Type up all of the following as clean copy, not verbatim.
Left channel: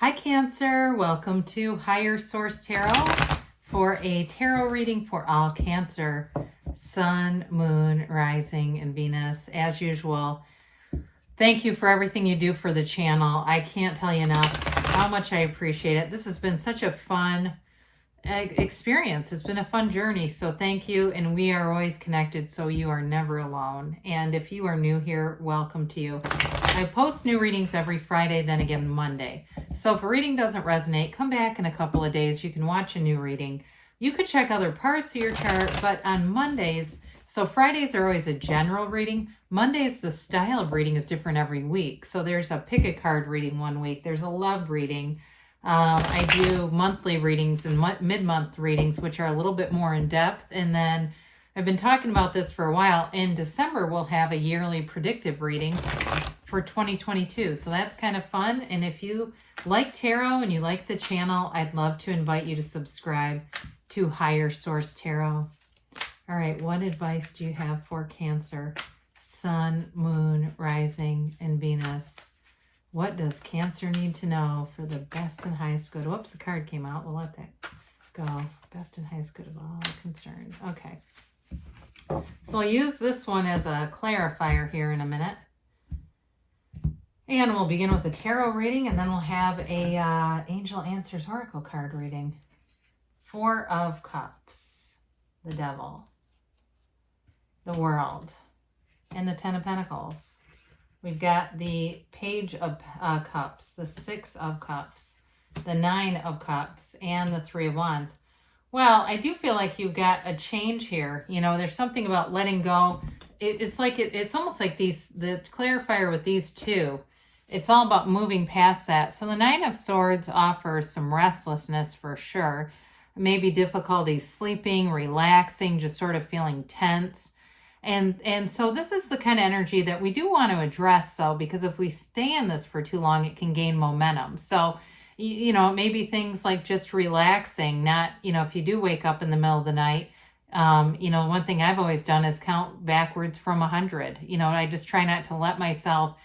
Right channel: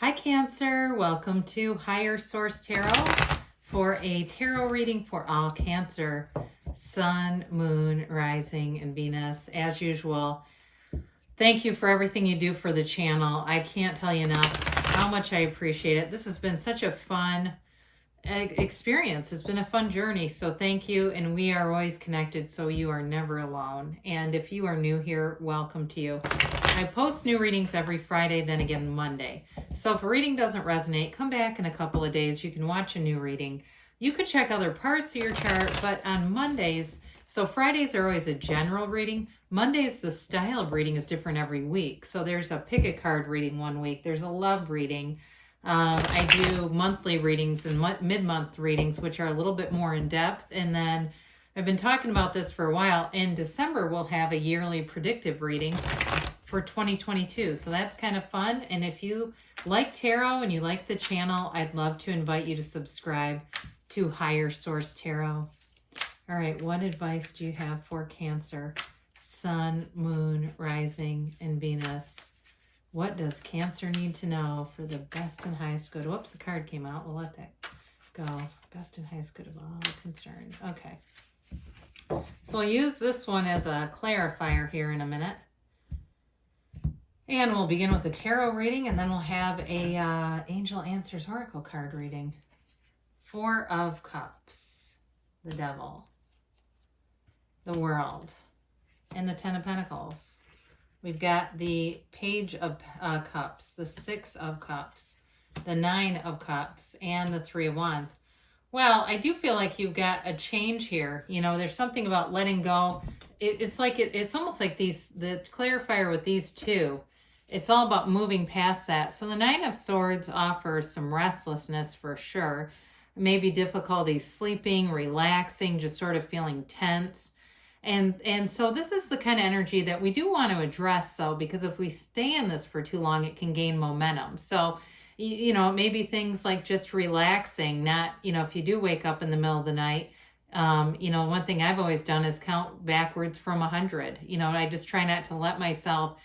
Hi Cancer, welcome to Higher Source Tarot for a tarot reading for all Cancer, Sun, Moon, Rising, and Venus. As usual, thank you for everything you do for the channel. I can't tell you enough how much I appreciate it. This has been such a fun experience. It's been a fun journey, so thank you, and we are always connected, so you are never alone. And if you are new here, welcome to you. I post new readings every Friday, then again Monday. So if a reading doesn't resonate, come back in a couple of days. You can watch a new reading. You could check other parts of your chart, but on Mondays, so Fridays are always a general reading. Mondays, the style of reading is different every week. So there's a pick a card reading one week. There's a love reading. I do monthly readings and mid-month readings, which are a little bit more in depth. And then I've been talking about this for a while. In December, we'll have a yearly predictive reading for 2022. So that's kind of fun. And if you like tarot and you like the channel, I'd love to invite you to subscribe to Higher Source Tarot. All right, what advice do you have for Cancer, Sun, Moon, Rising, and Venus? What does Cancer need to know for the best and highest good? Whoops, the card came out. We'll let that go. Best and highest good of all concerned. Okay. So I'll use this one as a clarifier here in a minute. And we'll begin with a tarot reading, and then we'll have a Angel Answers Oracle card reading. Four of Cups, the Devil, the World, and the Ten of Pentacles. We've got the Page of Cups, the Six of Cups, the Nine of Cups, and the Three of Wands. Well, I do feel like you've got a change here. You know, there's something about letting go. It's almost like the clarifier with these two. It's all about moving past that. So the Nine of Swords offers some restlessness for sure. Maybe difficulty sleeping, relaxing, just sort of feeling tense. And so this is the kind of energy that we do want to address, though, because if we stay in this for too long, it can gain momentum. So, you know, maybe things like just relaxing, not, you know, if you do wake up in the middle of the night, you know, one thing I've always done is count backwards from 100. You know, I just try not to let myself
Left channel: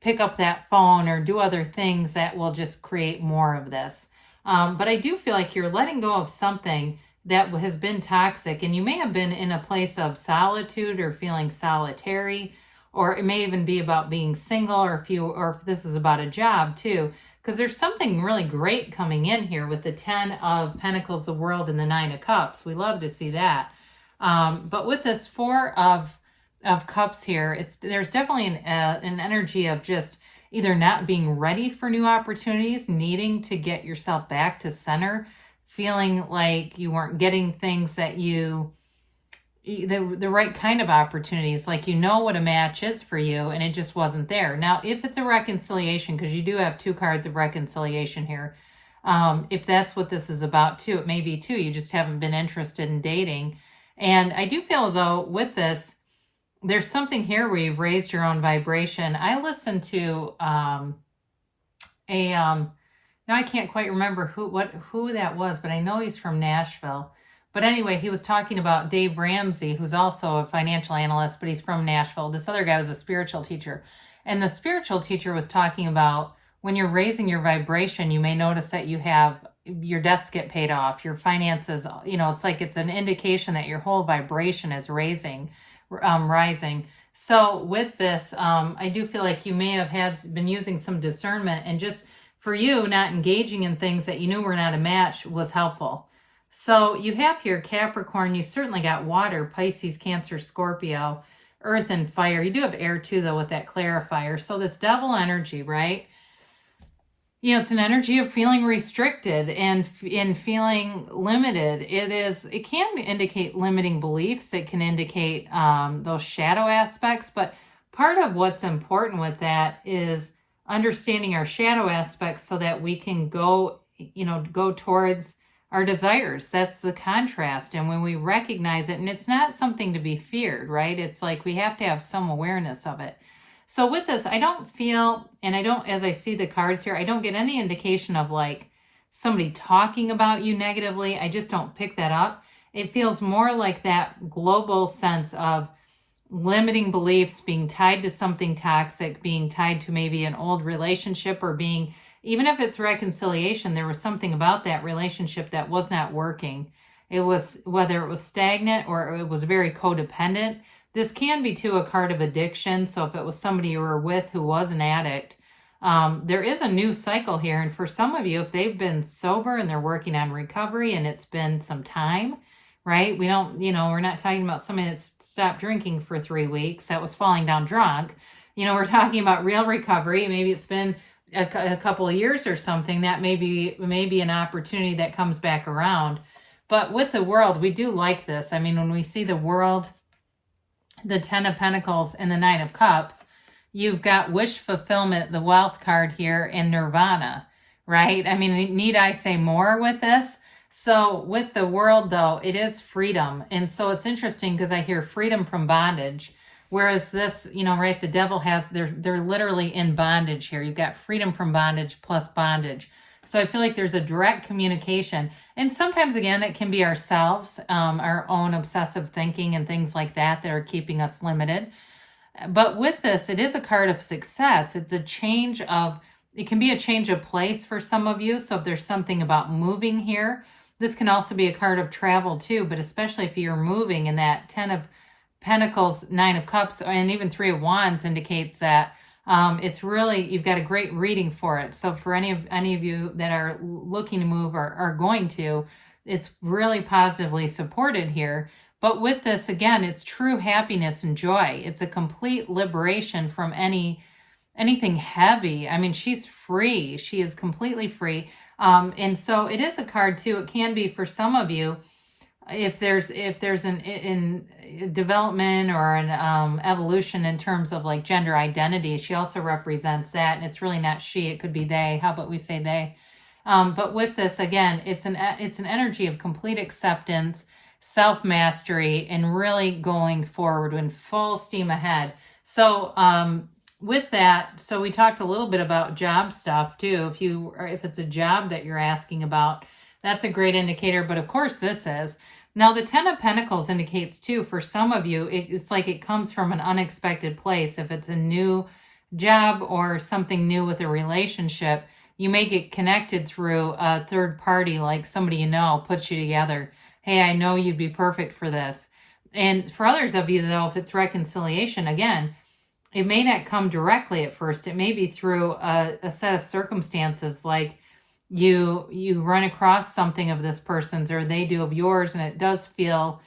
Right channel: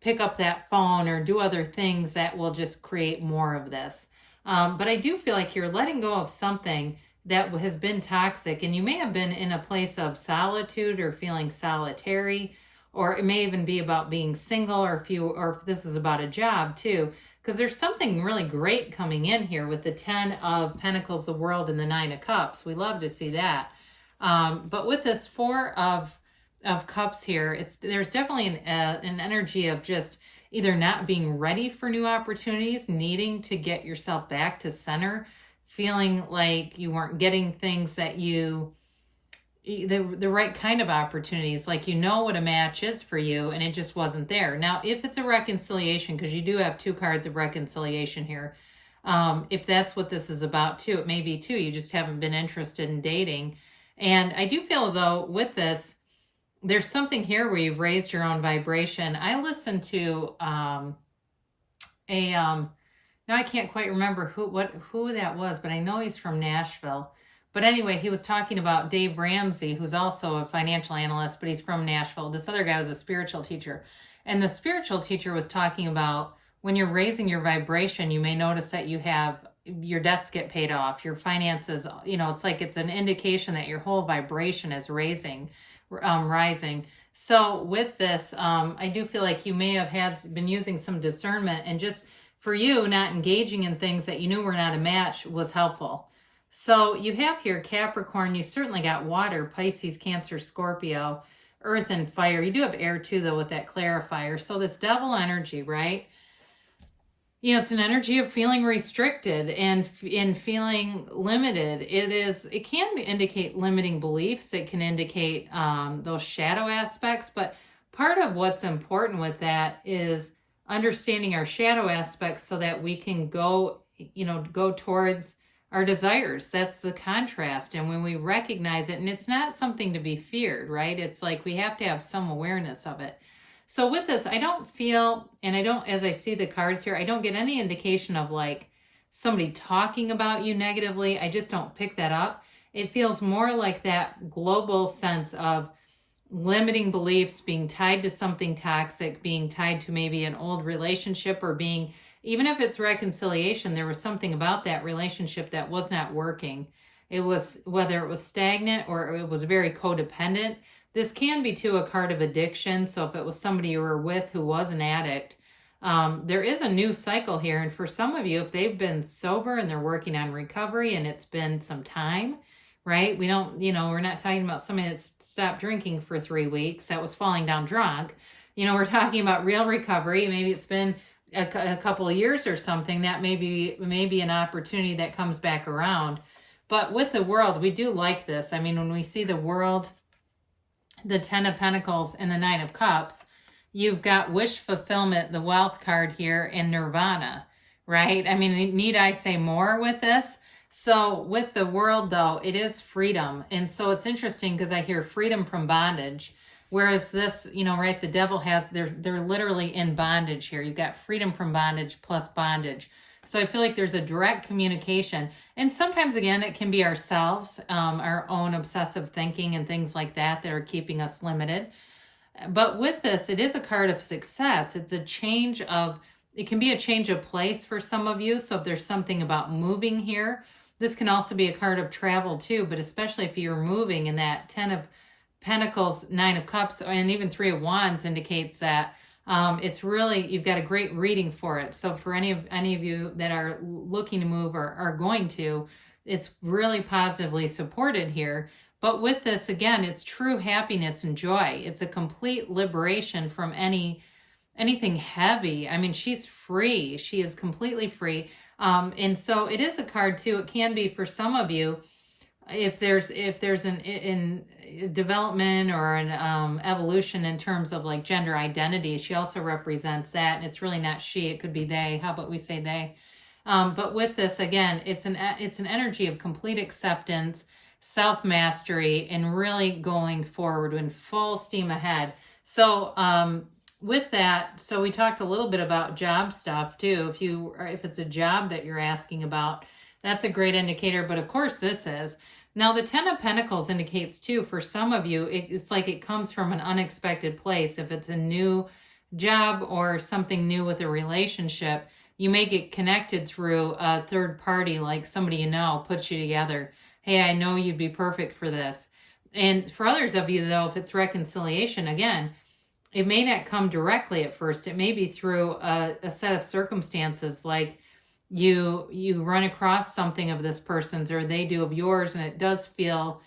pick up that phone or do other things that will just create more of this. But I do feel like you're letting go of something that has been toxic, and you may have been in a place of solitude or feeling solitary, or it may even be about being single, or if this is about a job too, because there's something really great coming in here with the Ten of Pentacles, the World, and the Nine of Cups. We love to see that. But with this Four of Cups here, there's definitely an energy of just either not being ready for new opportunities, needing to get yourself back to center, feeling like you weren't getting things that the right kind of opportunities, like you know what a match is for you and it just wasn't there. Now, if it's a reconciliation, because you do have two cards of reconciliation here, if that's what this is about too, it may be too, you just haven't been interested in dating. And I do feel, though, with this, there's something here where you've raised your own vibration. I listened to now I can't quite remember who that was, but I know he's from Nashville. But anyway, he was talking about Dave Ramsey, who's also a financial analyst, but he's from Nashville. This other guy was a spiritual teacher. And the spiritual teacher was talking about when you're raising your vibration, you may notice that you have your debts get paid off, your finances, you know, it's like it's an indication that your whole vibration is rising. So with this, I do feel like you may have been using some discernment, and just for you, not engaging in things that you knew were not a match was helpful. So you have here Capricorn, you certainly got water, Pisces, Cancer, Scorpio, earth, and fire. You do have air too, though, with that clarifier. So this Devil energy, right? You know, it's an energy of feeling restricted and in feeling limited. It can indicate limiting beliefs. It can indicate those shadow aspects. But part of what's important with that is understanding our shadow aspects so that we can go towards our desires. That's the contrast. And when we recognize it, and it's not something to be feared, right? It's like we have to have some awareness of it. So with this, I don't feel, and I don't, as I see the cards here, I don't get any indication of like somebody talking about you negatively. I just don't pick that up. It feels more like that global sense of limiting beliefs, being tied to something toxic, being tied to maybe an old relationship, or being even if it's reconciliation, there was something about that relationship that was not working. It was, whether it was stagnant or it was very codependent. This can be too a card of addiction. So if it was somebody you were with who was an addict, there is a new cycle here. And for some of you, if they've been sober and they're working on recovery and it's been some time, right? We don't, we're not talking about somebody that's stopped drinking for 3 weeks that was falling down drunk. We're talking about real recovery. Maybe it's been a couple of years or something. That may be an opportunity that comes back around. But with the World, we do like this. I mean, when we see the World, the 10 of Pentacles, and the 9 of Cups, you've got wish fulfillment, the wealth card here, and nirvana, right? I mean, need I say more with this? So with the World, though, it is freedom. And so it's interesting because I hear freedom from bondage. Whereas this, right, the Devil has, they're literally in bondage here. You've got freedom from bondage plus bondage. So I feel like there's a direct communication. And sometimes, again, it can be ourselves, our own obsessive thinking and things like that are keeping us limited. But with this, it is a card of success. It's a change of, it can be a change of place for some of you. So if there's something about moving here, this can also be a card of travel too. But especially if you're moving, and that 10 of Pentacles, 9 of Cups, and even 3 of Wands indicates that it's really, you've got a great reading for it. So for any of you that are looking to move or are going to, it's really positively supported here. But with this, again, it's true happiness and joy. It's a complete liberation from anything heavy. I mean, she's free. She is completely free. And so it is a card too. It can be for some of you, if there's an in development or an evolution in terms of like gender identity. She also represents that, and it's really not she, it could be they. How about we say they? But with this, again, it's an energy of complete acceptance, self-mastery, and really going forward in full steam ahead. So with that, so we talked a little bit about job stuff too. If it's a job that you're asking about, that's a great indicator. But of course this is. Now the 10 of Pentacles indicates too, for some of you, it's like it comes from an unexpected place. If it's a new job or something new with a relationship, you may get connected through a third party, like somebody you know puts you together. Hey, I know you'd be perfect for this. And for others of you though, if it's reconciliation, again, it may not come directly at first. It may be through a set of circumstances, like you run across something of this person's or they do of yours, and it does feel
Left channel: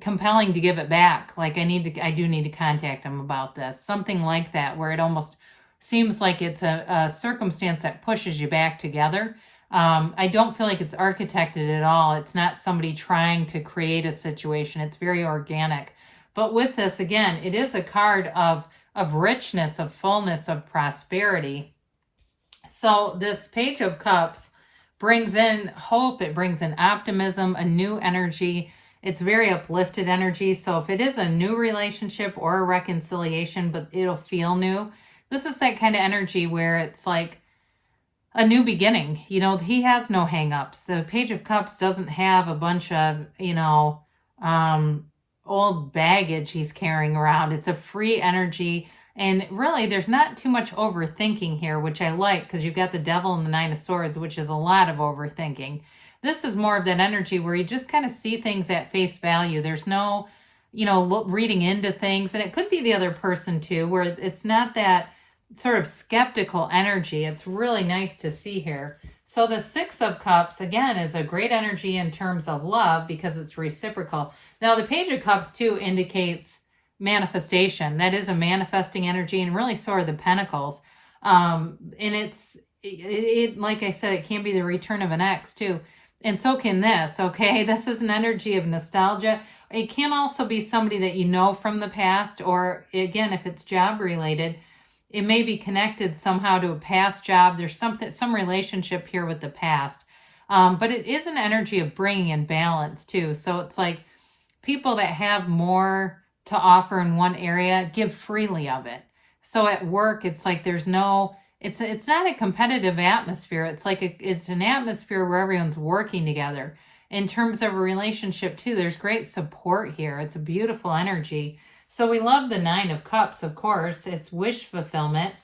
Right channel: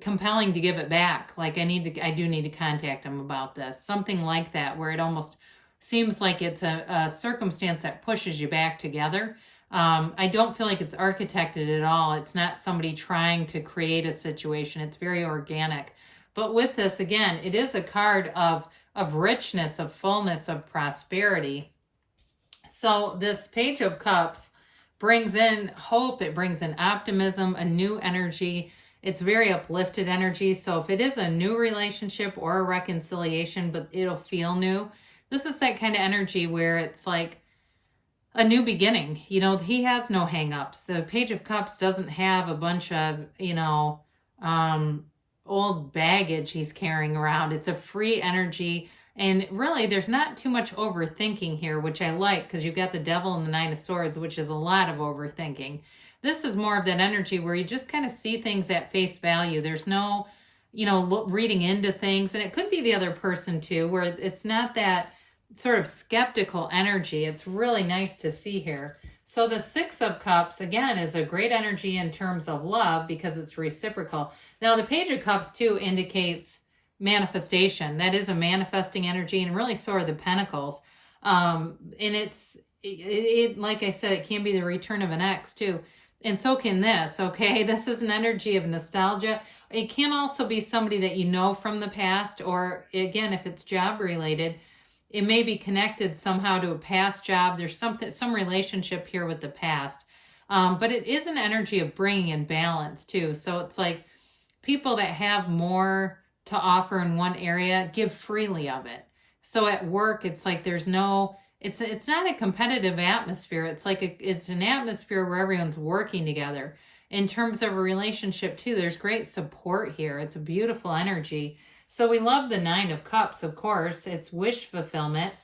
compelling to give it back. Like I do need to contact them about this. Something like that, where it almost seems like it's a circumstance that pushes you back together. I don't feel like it's architected at all. It's not somebody trying to create a situation. It's very organic. But with this, again, it is a card of richness, of fullness, of prosperity. So this Page of Cups brings in hope. It brings in optimism, a new energy. It's very uplifted energy. So if it is a new relationship or a reconciliation, but it'll feel new, this is that kind of energy where it's like a new beginning. He has no hang-ups. The Page of Cups doesn't have a bunch of, old baggage he's carrying around. It's a free energy. And really, there's not too much overthinking here, which I like, because you've got the Devil and the 9 of Swords, which is a lot of overthinking. This is more of that energy where you just kind of see things at face value. There's no, reading into things. And it could be the other person too, where it's not that sort of skeptical energy. It's really nice to see here. So the 6 of Cups, again, is a great energy in terms of love because it's reciprocal. Now, the Page of Cups too indicates manifestation. That is a manifesting energy, and really so are the Pentacles. And it like I said, it can be the return of an ex too. And so can this, okay? This is an energy of nostalgia. It can also be somebody that you know from the past, or again, if it's job related, it may be connected somehow to a past job. There's some relationship here with the past. But it is an energy of bringing in balance too. So it's like people that have more to offer in one area give freely of it. So at work, it's like there's no, it's not a competitive atmosphere. It's like it's an atmosphere where everyone's working together. In terms of a relationship too, there's great support here. It's a beautiful energy. So we love the 9 of Cups, of course. It's wish fulfillment.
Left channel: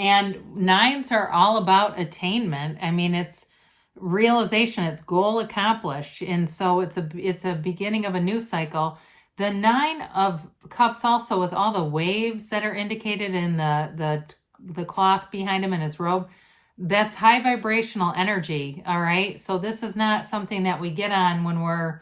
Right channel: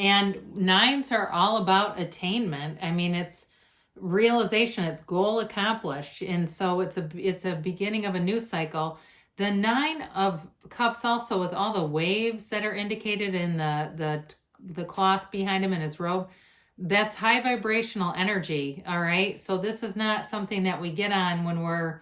And nines are all about attainment. I mean, it's realization, it's goal accomplished. And so it's a beginning of a new cycle. The Nine of Cups also, with all the waves that are indicated in the cloth behind him in his robe, that's high vibrational energy. All right. So this is not something that we get on when we're,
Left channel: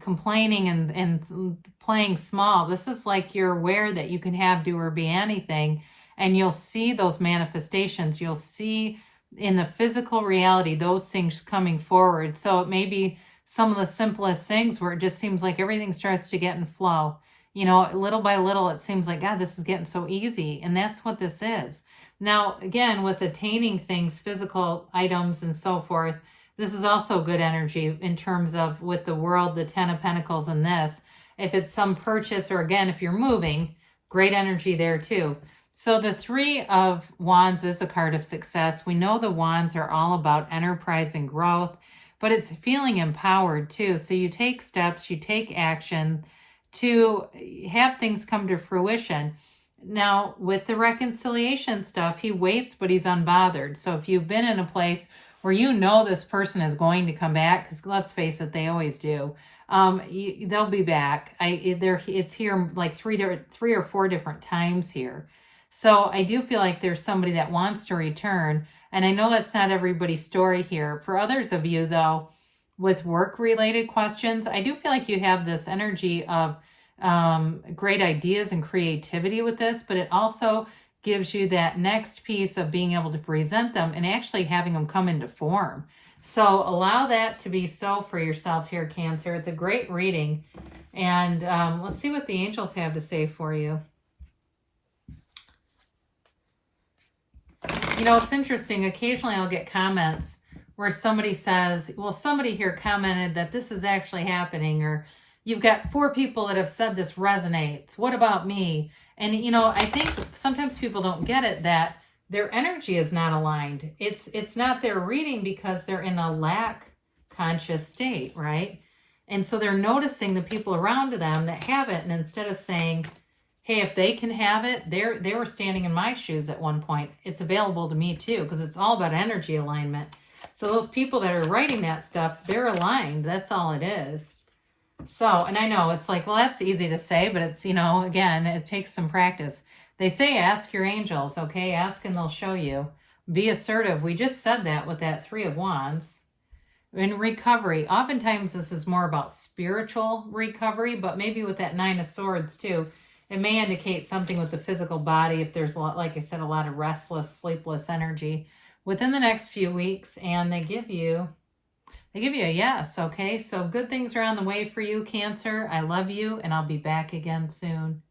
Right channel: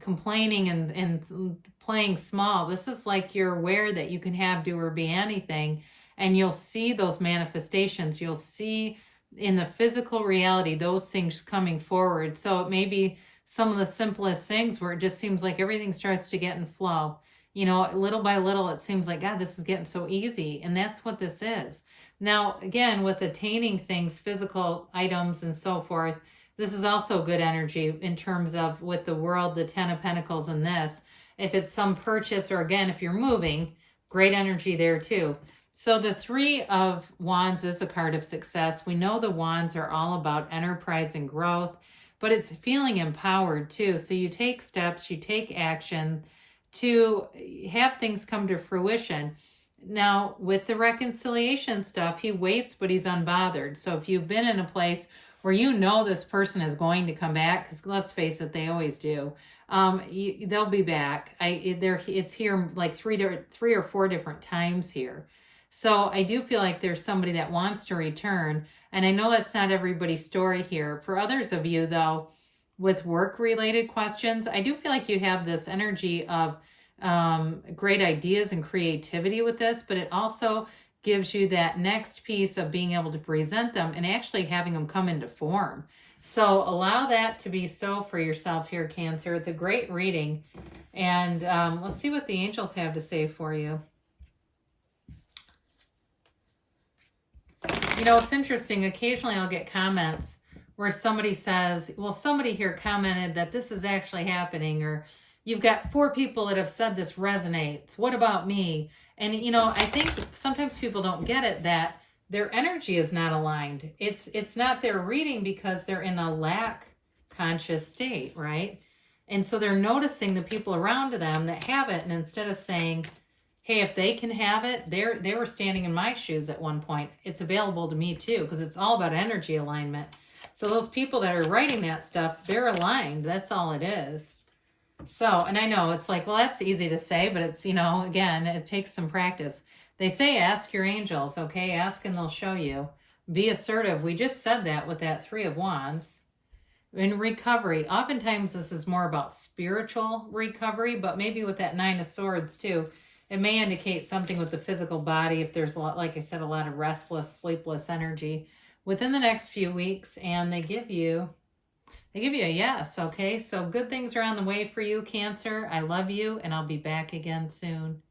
complaining and playing small. This is like you're aware that you can have, do, or be anything. And you'll see those manifestations. You'll see in the physical reality those things coming forward. So it may be some of the simplest things where it just seems like everything starts to get in flow. Little by little, it seems like, God, this is getting so easy. And that's what this is. Now, again, with attaining things, physical items and so forth, this is also good energy in terms of with the World, the 10 of Pentacles, and this. If it's some purchase, or again, if you're moving, great energy there too. So the Three of Wands is a card of success. We know the Wands are all about enterprise and growth, but it's feeling empowered too. So you take steps, you take action to have things come to fruition. Now, with the reconciliation stuff, he waits, but he's unbothered. So if you've been in a place where this person is going to come back, because let's face it, they always do. They'll be back. It's here like three or four different times here. So I do feel like there's somebody that wants to return. And I know that's not everybody's story here. For others of you, though, with work-related questions, I do feel like you have this energy of great ideas and creativity with this, but it also gives you that next piece of being able to present them and actually having them come into form. So allow that to be so for yourself here, Cancer. It's a great reading. And let's see what the angels have to say for you. It's interesting. Occasionally I'll get comments where somebody says, well, somebody here commented that this is actually happening, or you've got 4 people that have said this resonates. What about me? And, I think sometimes people don't get it, that their energy is not aligned. It's not their reading because they're in a lack conscious state, right? And so they're noticing the people around them that have it. And instead of saying, hey, if they can have it, they were standing in my shoes at one point. It's available to me too, because it's all about energy alignment. So those people that are writing that stuff, they're aligned. That's all it is. So, and I know it's like, well, that's easy to say, but it's, again, it takes some practice. They say, ask your angels, okay? Ask and they'll show you. Be assertive. We just said that with that 3 of Wands. In recovery, oftentimes this is more about spiritual recovery, but maybe with that 9 of Swords too, it may indicate something with the physical body if there's, like I said, a lot of restless, sleepless energy within the next few weeks, and they give you a yes, okay? So good things are on the way for you, Cancer. I love you, and I'll be back again soon.